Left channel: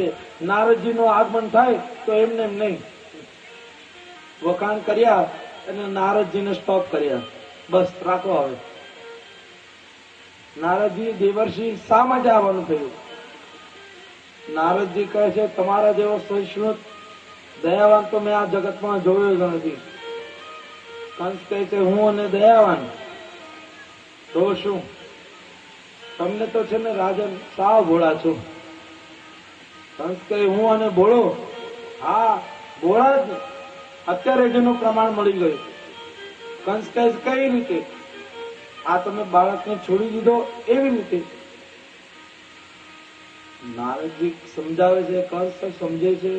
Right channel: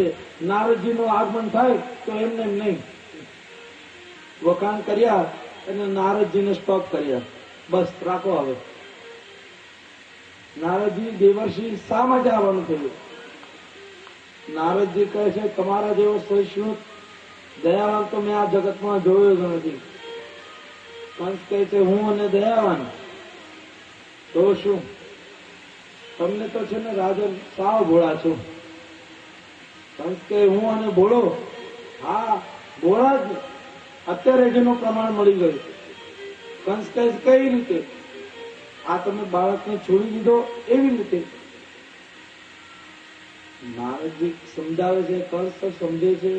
છે. નારદજીનું આગમન થાય તો એમને એમ નહીં, વખાણ કર્યા અને નારદજીને સ્ટોપ કર્યા, બસ રાખો. હવે નારદજી દેવર્ષિ શા માટે આવવાનું થયું? નારદજી કહે છે તમારા જેવો સહિષ્ણુ દયાવાન તો મેં આ જગતમાં જોયો જ નથી. કંસ કહે છે હું અને દયાવાન તો શું? તમને તો છે ને રાજન સાવ ભોળા છો. કંસ કહે હું અને ભોળો? હા ભોળા જ. અત્યારે જેનું પ્રમાણ મળી ગયું. કંસ કહે કઈ રીતે? આ તમે બાળકને છોડી દીધો એવી રીતે. નારદજી સમજાવે છે, કંસ તો સમજે છે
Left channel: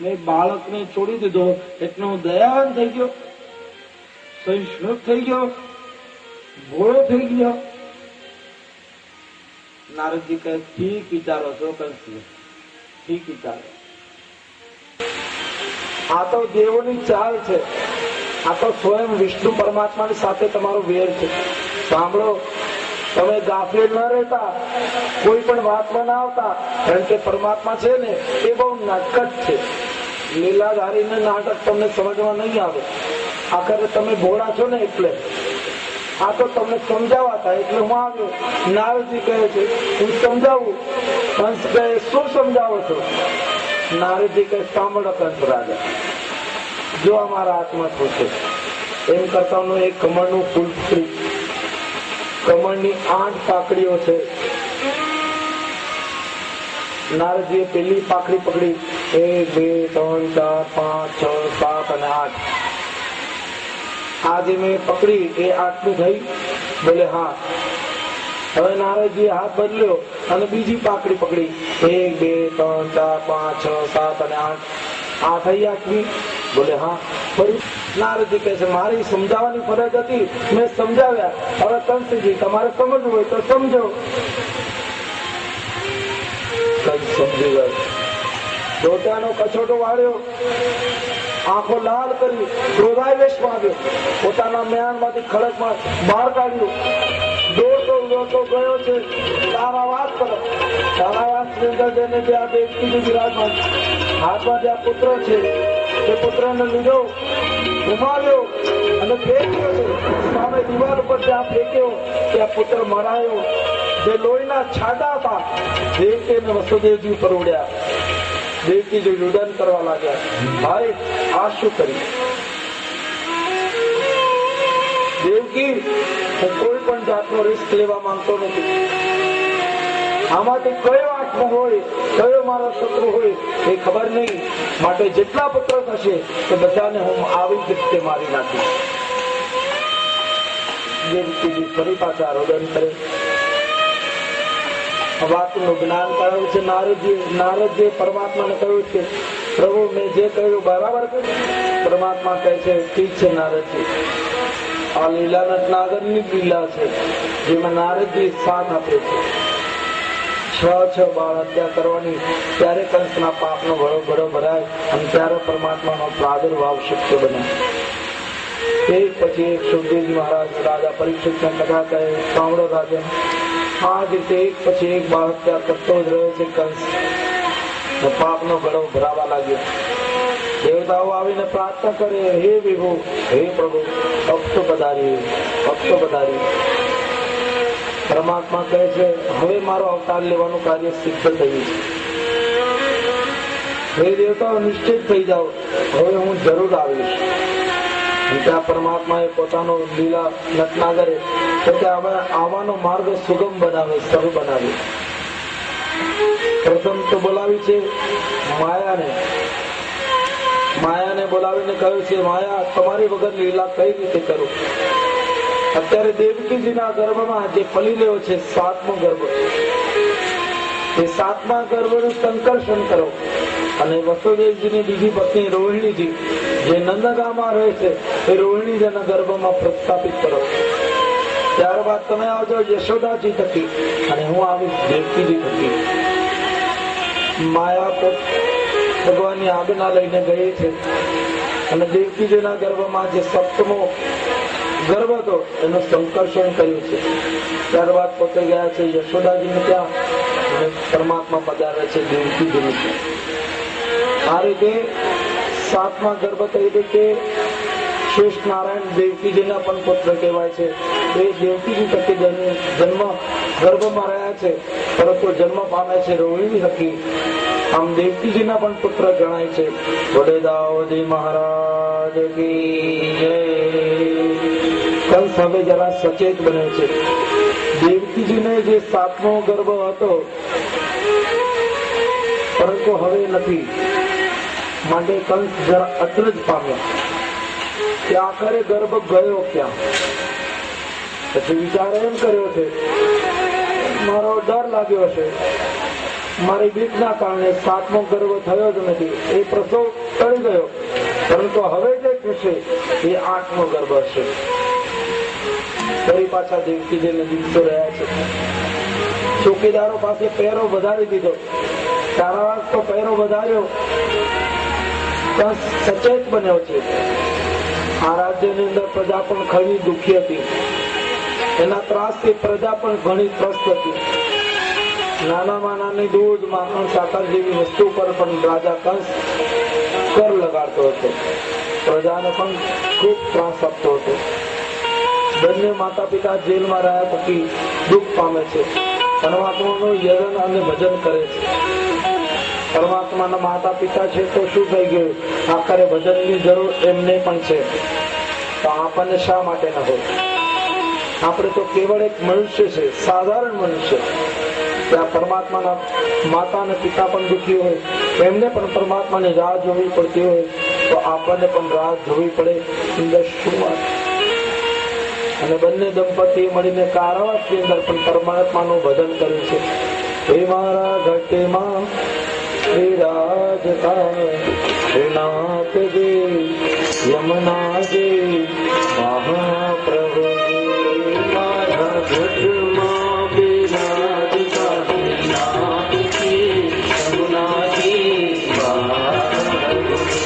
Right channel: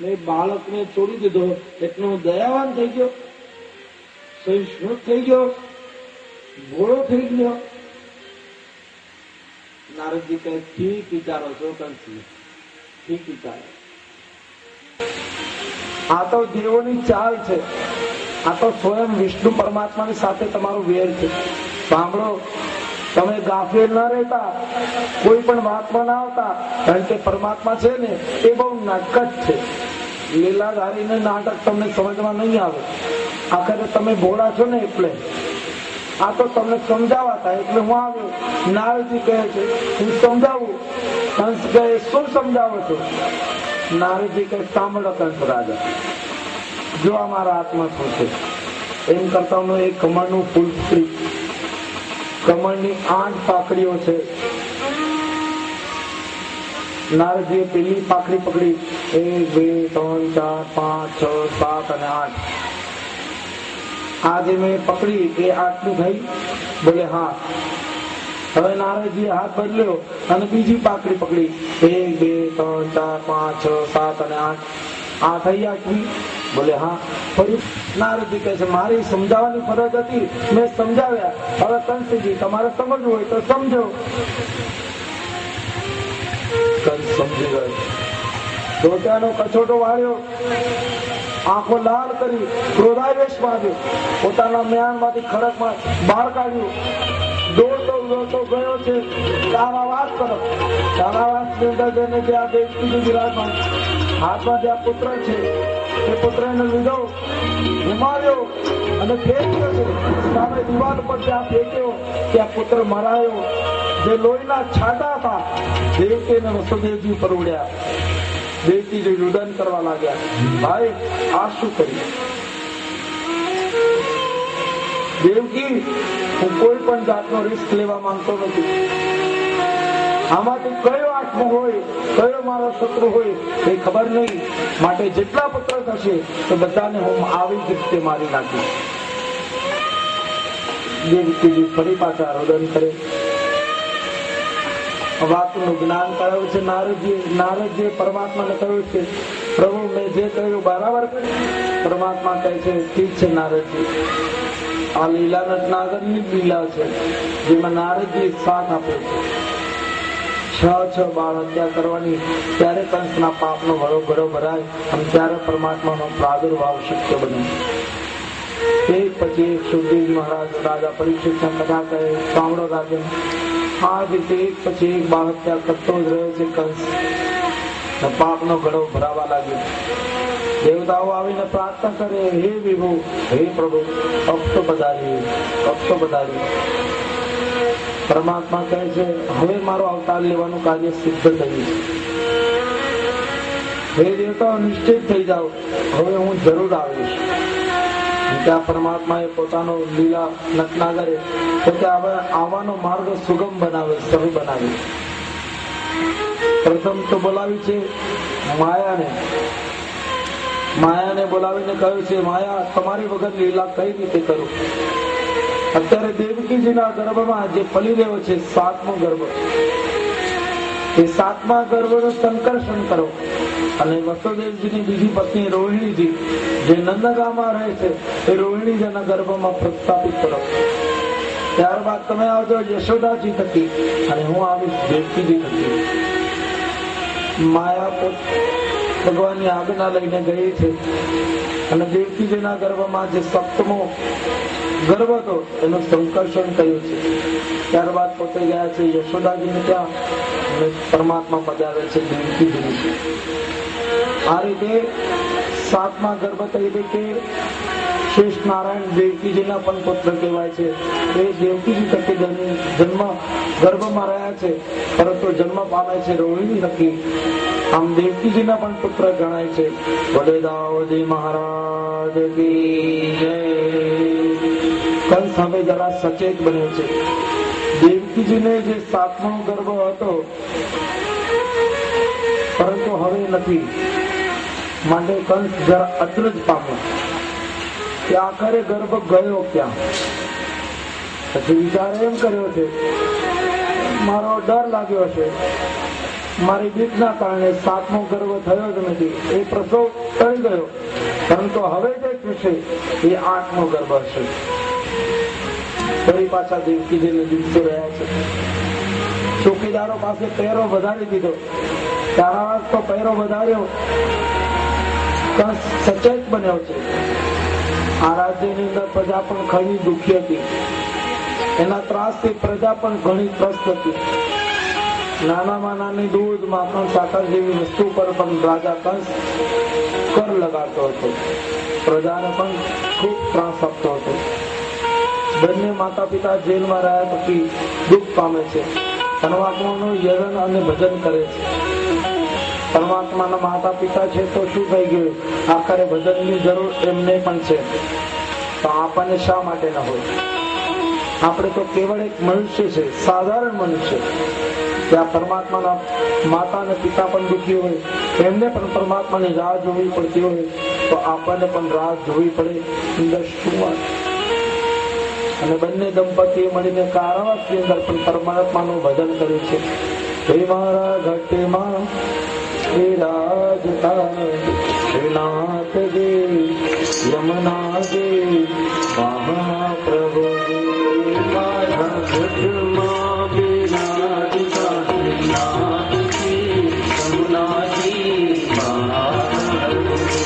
મેં બાળકને છોડી દીધો એટલે હું દયાવાન થઈ ગયો, સહિષ્ણુ થઈ ગયો, ભોળો થઈ ગયો. નારદજી કહે ઠીક વિચારો છો કંસજી, ઠીક વિચારો. આ તો દેવોની ચાલ છે. આ તો સ્વયં વિષ્ણુ પરમાત્માની સાથે તમારો વેર છે. સાંભળો, તમે ગાફેલ ન રહેતા, કોઈ પણ વાતમાં ના આવતા, કારણ કે પરમાત્મા છે ને એ બહુ નાટક છે. લીલાધારીને નાટક તમને સમજમાં નહીં આવે. આખરે તમે ભોળા છો ને એટલે. આ તો તમને સમજાવાતા એટલે હું આવ્યો. નારદજી કહે છે હું સમજાવું. કંસ કહે શું સમજાવો છો? નારદજી કહે સાંભળો કંસ રાજા, જો અમારા હાથમાં શું છે એમ કરતા એક કમળનું ફૂલ ફૂટી, કમળની 8 પાકડીઓ છે. નારદજીએ પેલી પાકડી પકડી, 1 2 3 4 5 6 7 અને 8. આ જે મેં પકડી એ 8નું થઈ? બોલે હા. હવે નારદજીએ હાથ બદલ્યો અને બીજી પાકડી પકડી, 1 2 3 4 5 6 7 અને 8. આ થઈ 8મી? બોલે હા. ફરી નારદજી કહે છે મારી સમજાવવાની ફરજ હતી, મેં સમજાવ્યા. હવે કંસજી તમારે સમજવું હોય તો સમજો. કંસ સમજી ગયો. દોટાનો કછોટો વાળ્યો, આંખો લાલ કરી ક્રોધાવેશમાં આવ્યો, પોતાના મ્યાનમાંથી ખડકમાં બહાર કાઢ્યું. દોડતો દોડતો ગયો છે કારાવાસ તરફ. કારાવાસની અંદર જઈને જ્યાં દેવકીજી વિરાજમાન, હાથમાં જ્યાં પુત્ર છે તે પુત્રને લીધો, ગુમાવ્યો અને ફેંક્યો છે. સામે દિવાલ ઉપર જ્યાં ફેંક્યો ત્યાં પુત્ર મરાયો. જે લોહીના છાંટા હતા દેવકી અને વસુદેવજી ઉપર ઉડ્યા. દેવકીજી રુદન કરવા લાગ્યા, ભાઈ આ શું કર્યું? દેવકી હું કોઈ પણ જાતનો રિસ્ક લેવા માંગતો નથી. આમાંથી કયો આત્મા હોય, કયો મારો શત્રુ હોય એ ખબર નહીં. માટે જેટલા પુત્ર થશે તે બધાને હું આવી જ રીતે મારી નાખીશ. દેવકીજી ફરી પાછા રુદન કરે. વાતનું જ્ઞાન કરાવ્યું છે નારદજીએ પરમાત્માને કહ્યું છે પ્રભુ મેં જે કહ્યું બરાબર કર્યું. પરમાત્મા કહે છે ઠીક છે નારદજી, આ લીલા નટનાગરની લીલા છે જેમાં નારદજી સાથ આપે છે. 6 બાળ હત્યા કરવાની, ત્યારે કંસના પાપનો ઘડો ઘડો ભરાય અને ત્યારે પરમાત્માનો પ્રાદુર્ભાવ શક્ય બને. એક પછી એક સુખદેવજી મહારાજ રાજા પરીક્ષિતને કથા કહે, સાંભળો રાજન, આ રીતે એક પછી એક બાળ હત્યા કરતો જ રહ્યો છે કંસ. પાપનો ઘડો ભરાવા લાગ્યો. દેવતાઓ આવીને પ્રાર્થના કરે, હે વિભુ, હે પ્રભુ, ભક્તો પધારી, ભક્તો પધારી. પરમાત્મા કહે છે હવે મારો અવતાર લેવાનું કાર્ય સિદ્ધ થયું. હે દેવતાઓ નિશ્ચિત થઈ જાઓ, હવે હું જરૂર આવીશ. ત્યાં પરમાત્માએ પોતાનો લીલા નટનાગરે પોતે આવવાનો માર્ગ સુગમ બનાવે, સરળ બનાવે. પ્રથમ તો બોલાવી છે માયાને બોલાવીને કહ્યું છે માયા તમારી વગર લીલા કઈ રીતે કરું? અત્યારે દેવકીજીના ગર્ભમાં જે ફલી રહ્યો છે 7મો ગર્ભ, એ 7મા ગર્ભનું સંકર્ષણ કરો અને વસુદેવજીની બીજી પત્ની રોહિણીજી જે નંદગામમાં રહે છે એ રોહિણીજીના ગર્ભમાં પ્રસ્થાપિત કરો. ત્યારબાદ તમે આવજો યશોદાજી થકી અને હું આવીશ દેવકીજી થકી. માયા ભગવાનની આજ્ઞા લઈને ગઈ છે અને દેવકીજીના ગર્ભમાં જે 7મો ગર્ભ હતો એનું સંકર્ષણ કર્યું છે. ત્યારબાદ પોતે ગયા છે યશોદાજીને ત્યાં અને પરમાત્મા પધારે છે દેવકીજીનું. આ રીતે 7મા ગર્ભ તરીકે શ્રેષ્ઠ નારાયણ દેવકીજીના પણ પુત્ર કહેવાય છે. એ દેવકીજી થકી જન્મ ગર્ભમાં રહ્યા છે, પરંતુ જન્મ પામે છે રોહિણી થકી. આમ દેવકીજીના પણ પુત્ર ગણાય છે. વડે દાઉદી મહારાજ કી જય. કંસ હવે જરા સચેત બને છે. દેવકીજીને જે 7મો ગર્ભ હતો, પરંતુ હવે નથી, માટે કંસ જરા અચરજ પામ્યો કે આખરે ગર્ભ ગયો ક્યાં. પછી વિચાર એમ કર્યો છે, મારો ડર લાગ્યો છે, મારી બીકના કારણે 7મો ગર્ભ થયો જ નથી, એ પ્રસવ ટળી ગયો, પરંતુ હવે જે થશે એ 8મો ગર્ભ હશે. ફરી પાછા દેવકીજીને દિવસો રહ્યા છે. ચોકીદારો પાસે પહેરો વધારી દીધો, ચારાવાસ તો પહેરો વધાર્યો. કંસ સચેત બન્યો છે. આ રાજ્યની અંદર પ્રજા પણ ઘણી દુઃખી હતી. એના ત્રાસથી પ્રજા પણ ઘણી ત્રસ્ત હતી. નાનામાં નાની દૂધ, માખણ, સાકર જેવી વસ્તુ પર પણ રાજા કંસ કર લગાડતો હતો. પ્રજાને પણ ખૂબ ત્રાસ આપતો હતો. બંને માતા પિતા જેલમાં રહ્યા પછી દુઃખ પામે છે. પરમાત્માનું યજન અને ભજન કરે છે. પરમાત્માના માતા પિતા છે તો શું થઈ ગયું, આખરે ભજનની જરૂર એમને પણ છે, તો આપણને શા માટે ન હોય? આપણે તો કેવળ એક મનુષ્ય છે, સાધારણ મનુષ્ય. ત્યાં પરમાત્માના માતા અને પિતા પણ દુઃખી હોય, એમને પણ પરમાત્માની રાહ જોવી પડતી હોય, તો આપણને પણ રાહ જોવી પડે. અંદર શું વાત? અને બંને દંપતીએ મળીને કારાવાસની અંદર પણ પરમાત્માનું ભજન કર્યું છે. હે મારા ઘટમાં વિરાજતા શ્રીનાથજી યમુનાજી મહાપ્રભુજી. મારા ઘટમાં વિરાજતા શ્રીનાથજી યમુનાજી મહાપ્રભુજી.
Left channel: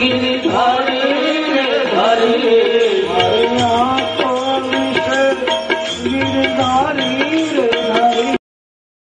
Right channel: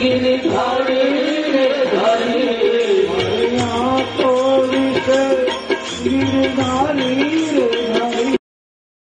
गिरिधार